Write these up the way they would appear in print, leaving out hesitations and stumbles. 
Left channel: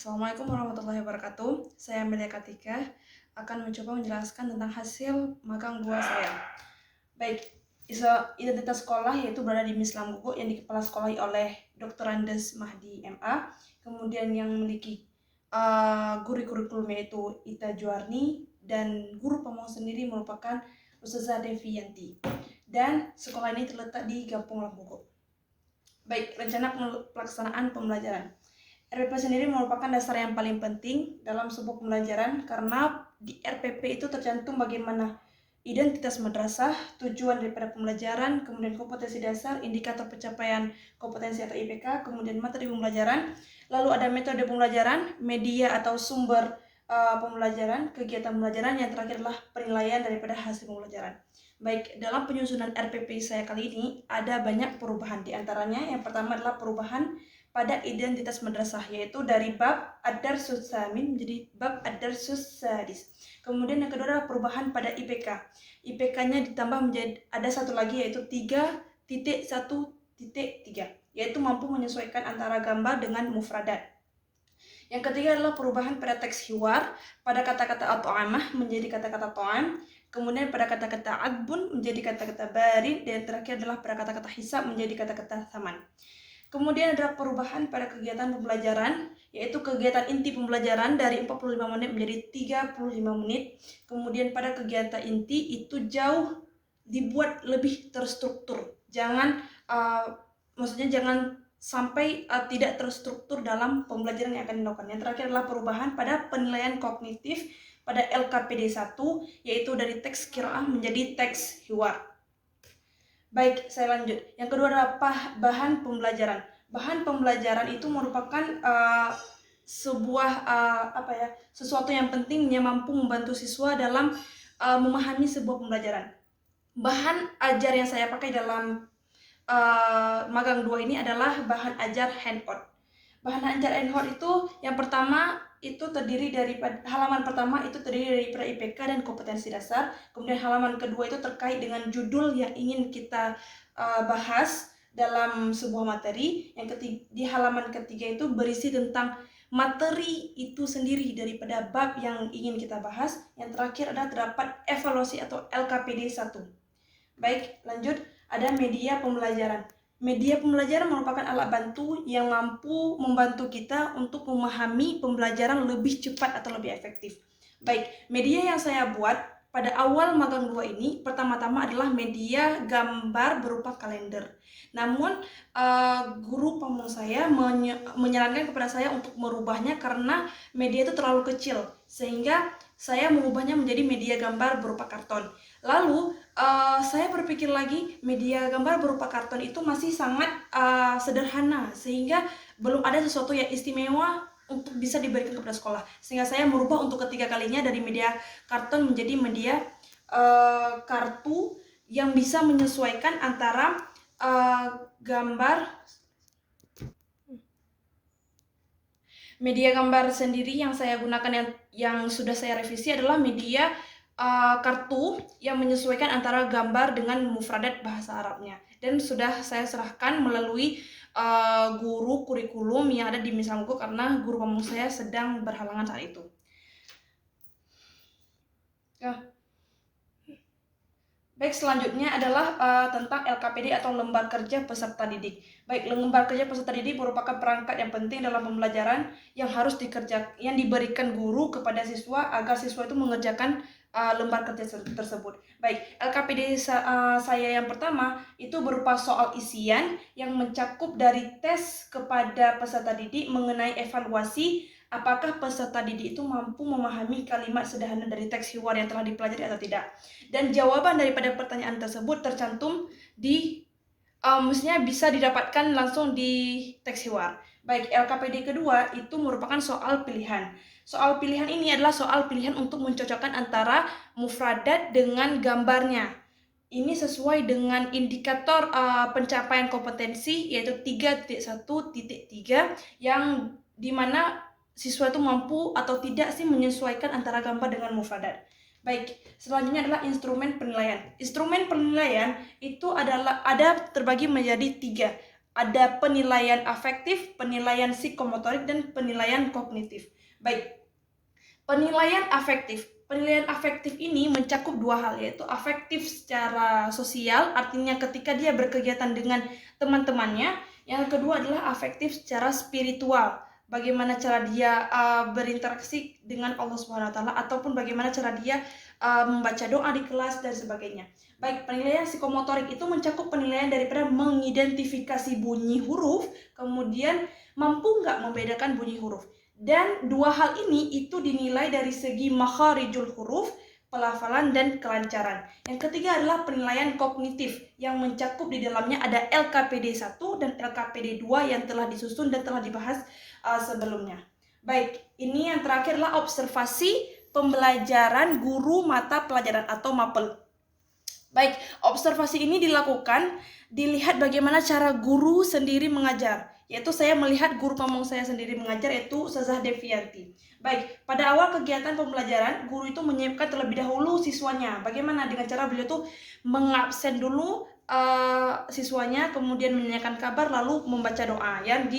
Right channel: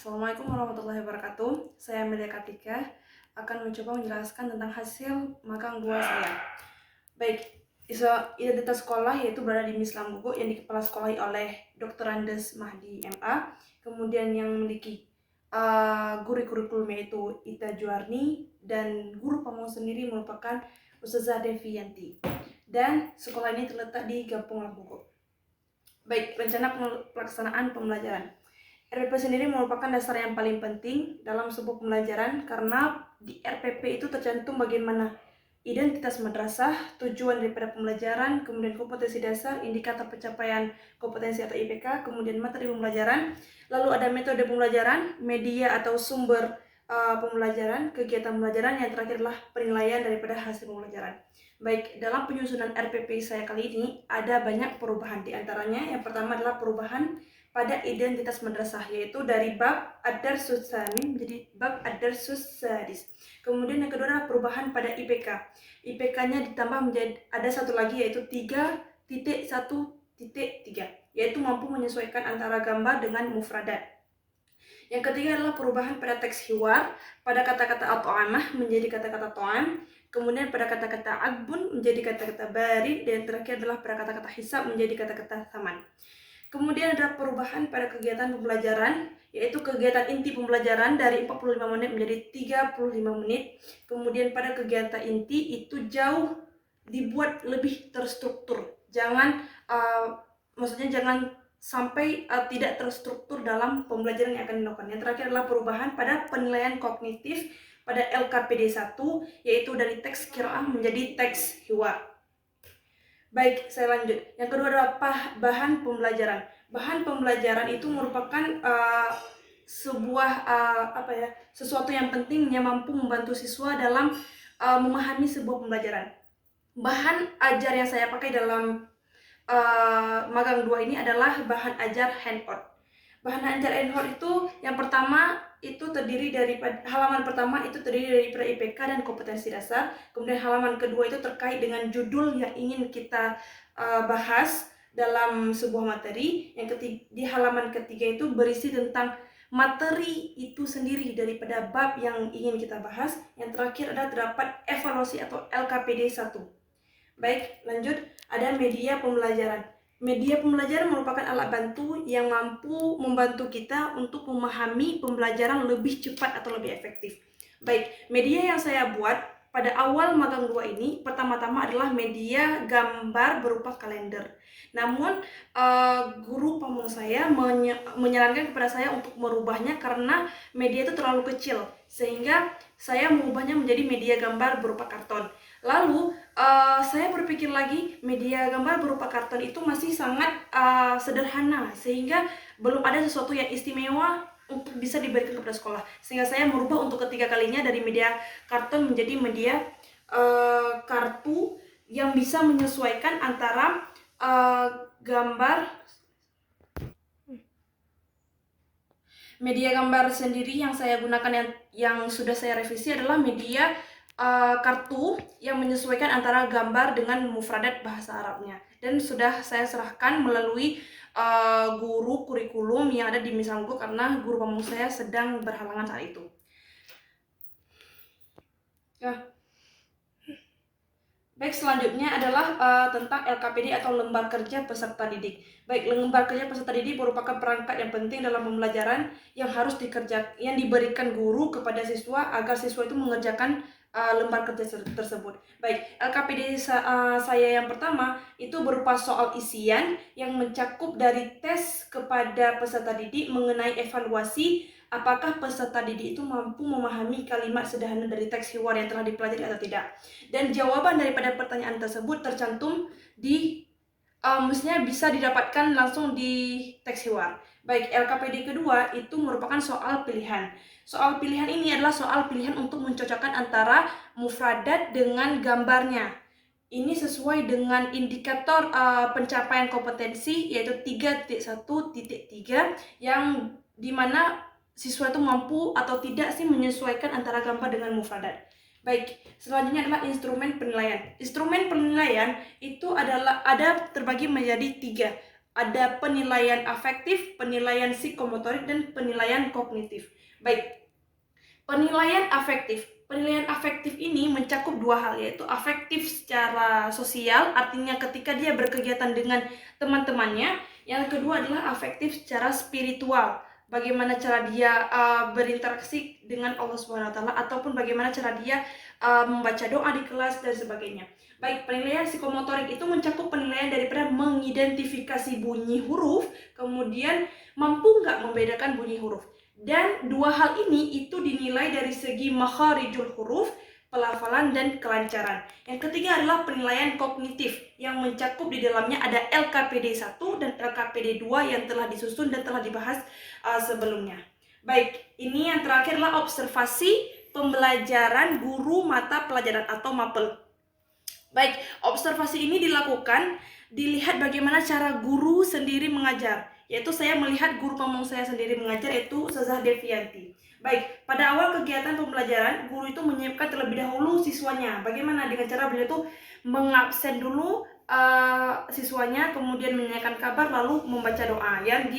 Assalamualaikum warahmatullahi wabarakatuh. Saya Amelia Katika akan mencoba menjelaskan tentang hasil magang 2 saya. Baik, identitas sekolah yaitu berada di Mislam Gugu yang dikepala sekolahi oleh Dr. Andes Mahdi MA. Kemudian yang memiliki guru kurikulum yaitu Ita Juarni, dan guru pamong sendiri merupakan Ustazah Devi Yanti. Dan sekolah ini terletak di Gampung Lampugo. Baik, rencana pelaksanaan pembelajaran. RPP sendiri merupakan dasar yang paling penting dalam sebuah pembelajaran karena di RPP itu tercantum bagaimana identitas madrasah, tujuan daripada pembelajaran, kemudian kompetensi dasar, indikator pencapaian kompetensi atau IPK, kemudian materi pembelajaran, lalu ada metode pembelajaran, media atau sumber pembelajaran, kegiatan pembelajaran, yang terakhir adalah penilaian daripada hasil pembelajaran. Baik, dalam penyusunan RPP saya kali ini ada banyak perubahan. Di antaranya yang pertama adalah perubahan pada identitas madrasah, yaitu dari bab ad-darsus tsamin menjadi bab ad-darsus sadis. Kemudian yang kedua adalah perubahan pada IPK. IPK-nya ditambah menjadi ada satu lagi, yaitu 3.1.3, yaitu mampu menyesuaikan antara gambar dengan mufradat. Yang ketiga adalah perubahan pada teks hiwar, pada kata-kata at'amah menjadi kata-kata to'am, kemudian pada kata-kata agbun menjadi kata-kata barid, dan terakhir adalah pada kata-kata hisab menjadi kata-kata saman. Kemudian ada perubahan pada kegiatan pembelajaran, yaitu kegiatan inti pembelajaran dari 45 menit menjadi 35 menit. Kemudian pada kegiatan inti itu jauh dibuat lebih terstruktur. Maksudnya jangan sampai tidak terstruktur dalam pembelajaran yang akan dilakukan. Yang terakhir adalah perubahan pada penilaian kognitif pada LKPD 1, yaitu dari teks qiraah menjadi teks hiwar. Baik, saya lanjut. Yang kedua adalah bahan pembelajaran. Bahan pembelajaran itu merupakan sesuatu yang penting yang mampu membantu siswa dalam memahami sebuah pembelajaran. Bahan ajar yang saya pakai dalam magang 2 ini adalah bahan ajar handout. Bahan ajar handout itu yang pertama itu terdiri dari halaman pertama itu terdiri dari IPK dan kompetensi dasar. Kemudian halaman kedua itu terkait dengan judul yang ingin kita bahas dalam sebuah materi. Di halaman ketiga itu berisi tentang materi itu sendiri daripada bab yang ingin kita bahas. Yang terakhir adalah terdapat evaluasi atau LKPD 1. Baik, lanjut. Ada media pembelajaran. Media pembelajaran merupakan alat bantu yang mampu membantu kita untuk memahami pembelajaran lebih cepat atau lebih efektif. Baik, media yang saya buat pada awal magang 2 ini pertama-tama adalah media gambar berupa kalender. Namun guru pamong saya menyarankan kepada saya untuk merubahnya karena media itu terlalu kecil, sehingga saya mengubahnya menjadi media gambar berupa karton. Lalu saya berpikir lagi, media gambar berupa karton itu masih sangat sederhana, sehingga belum ada sesuatu yang istimewa untuk bisa diberikan kepada sekolah. Sehingga saya merubah untuk ketiga kalinya dari media karton menjadi media kartu yang bisa menyesuaikan antara gambar. Media gambar sendiri yang saya gunakan yang sudah saya revisi adalah media kartu yang menyesuaikan antara gambar dengan mufradat bahasa Arabnya, dan sudah saya serahkan melalui guru kurikulum yang ada di Misangku karena guru pamong saya sedang berhalangan saat itu. Baik, selanjutnya adalah tentang LKPD atau lembar kerja peserta didik. Baik, lembar kerja peserta didik merupakan perangkat yang penting dalam pembelajaran yang diberikan guru kepada siswa agar siswa itu mengerjakan lembar kerja tersebut. Baik, LKPD saya yang pertama itu berupa soal isian yang mencakup dari tes kepada peserta didik mengenai evaluasi apakah peserta didik itu mampu memahami kalimat sederhana dari teks hiwar yang telah dipelajari atau tidak. Dan jawaban daripada pertanyaan tersebut tercantum mestinya bisa didapatkan langsung di teks hiwar. Baik, LKPD kedua itu merupakan soal pilihan. Soal pilihan ini adalah soal pilihan untuk mencocokkan antara mufradat dengan gambarnya. Ini sesuai dengan indikator pencapaian kompetensi, yaitu 3.1.3, yang dimana siswa itu mampu atau tidak sih menyesuaikan antara gambar dengan mufradat. Baik, selanjutnya adalah instrumen penilaian. Instrumen penilaian itu ada terbagi menjadi 3. Ada penilaian afektif, penilaian psikomotorik, dan penilaian kognitif. Baik, penilaian afektif. Penilaian afektif ini mencakup dua hal, yaitu afektif secara sosial, artinya ketika dia berkegiatan dengan teman-temannya. Yang kedua adalah afektif secara spiritual, bagaimana cara dia berinteraksi dengan Allah Subhanahu wa taala, ataupun bagaimana cara dia membaca doa di kelas dan sebagainya. Baik, penilaian psikomotorik itu mencakup penilaian daripada mengidentifikasi bunyi huruf, kemudian mampu nggak membedakan bunyi huruf. Dan dua hal ini itu dinilai dari segi makharijul huruf, pelafalan, dan kelancaran. Yang ketiga adalah penilaian kognitif yang mencakup di dalamnya ada LKPD 1 dan LKPD 2 yang telah disusun dan telah dibahas sebelumnya. Baik, ini yang terakhir adalah observasi pembelajaran guru mata pelajaran atau MAPEL. Baik, observasi ini dilihat bagaimana cara guru sendiri mengajar. Yaitu saya melihat guru pemong saya sendiri mengajar, yaitu Ustazah Devianti. Baik, pada awal kegiatan pembelajaran, guru itu menyiapkan terlebih dahulu siswanya. Bagaimana dengan cara beliau itu mengabsen dulu siswanya, kemudian menanyakan kabar, lalu membaca doa yang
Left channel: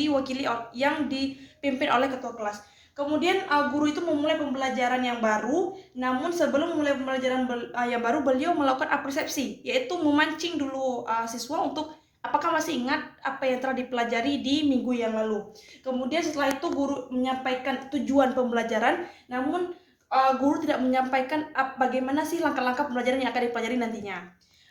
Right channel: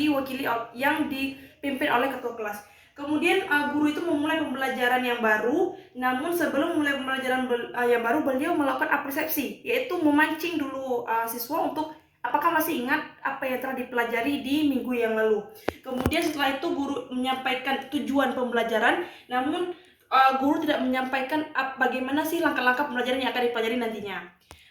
dipimpin oleh ketua kelas. Kemudian guru itu memulai pembelajaran yang baru, namun sebelum memulai pembelajaran yang baru, beliau melakukan apresiasi, yaitu memancing dulu siswa untuk apakah masih ingat apa yang telah dipelajari di minggu yang lalu. Kemudian setelah itu guru menyampaikan tujuan pembelajaran, namun guru tidak menyampaikan bagaimana sih langkah-langkah pembelajaran yang akan dipelajari nantinya.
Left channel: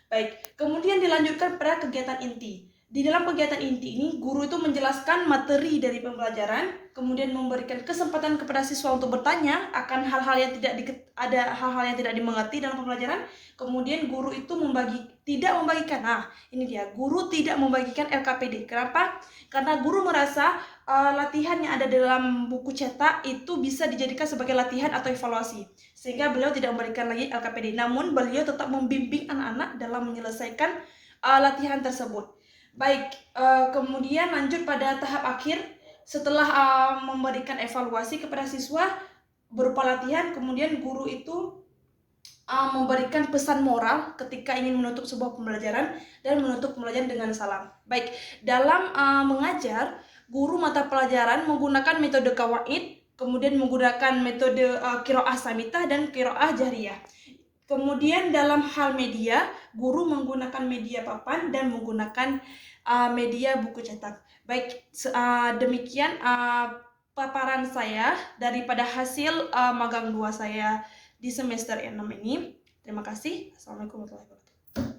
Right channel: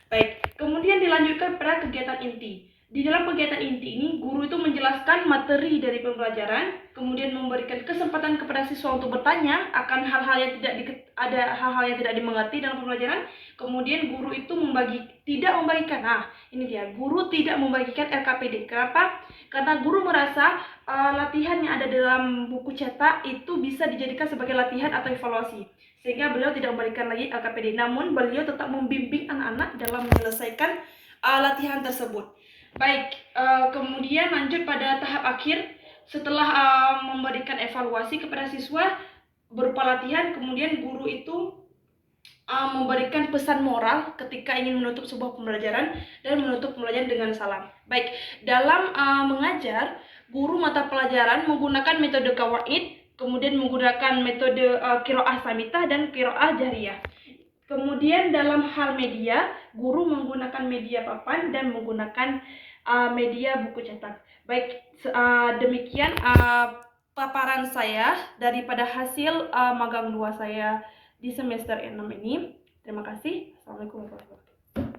Baik, kemudian dilanjutkan pada kegiatan inti. Di dalam kegiatan inti ini, guru itu menjelaskan materi dari pembelajaran, kemudian memberikan kesempatan kepada siswa untuk bertanya akan hal-hal yang tidak dimengerti dalam pembelajaran. Kemudian guru itu tidak membagikan. Nah, ini dia, guru tidak membagikan LKPD. Kenapa? Karena guru merasa latihan yang ada dalam buku cetak itu bisa dijadikan sebagai latihan atau evaluasi. Sehingga beliau tidak memberikan lagi LKPD. Namun beliau tetap membimbing anak-anak dalam menyelesaikan latihan tersebut. Baik, kemudian lanjut pada tahap akhir. Setelah memberikan evaluasi kepada siswa berupa latihan, kemudian guru itu memberikan pesan moral ketika ingin menutup sebuah pembelajaran dan menutup pembelajaran dengan salam. Baik, dalam mengajar, guru mata pelajaran menggunakan metode kawaid, kemudian menggunakan metode qiraah samitah dan qiraah jahriyah. Kemudian dalam hal media, guru menggunakan media papan dan menggunakan media buku cetak. Baik, demikian paparan saya daripada hasil magang 2 saya di semester 6 ini. Terima kasih. Assalamualaikum warahmatullahi wabarakatuh.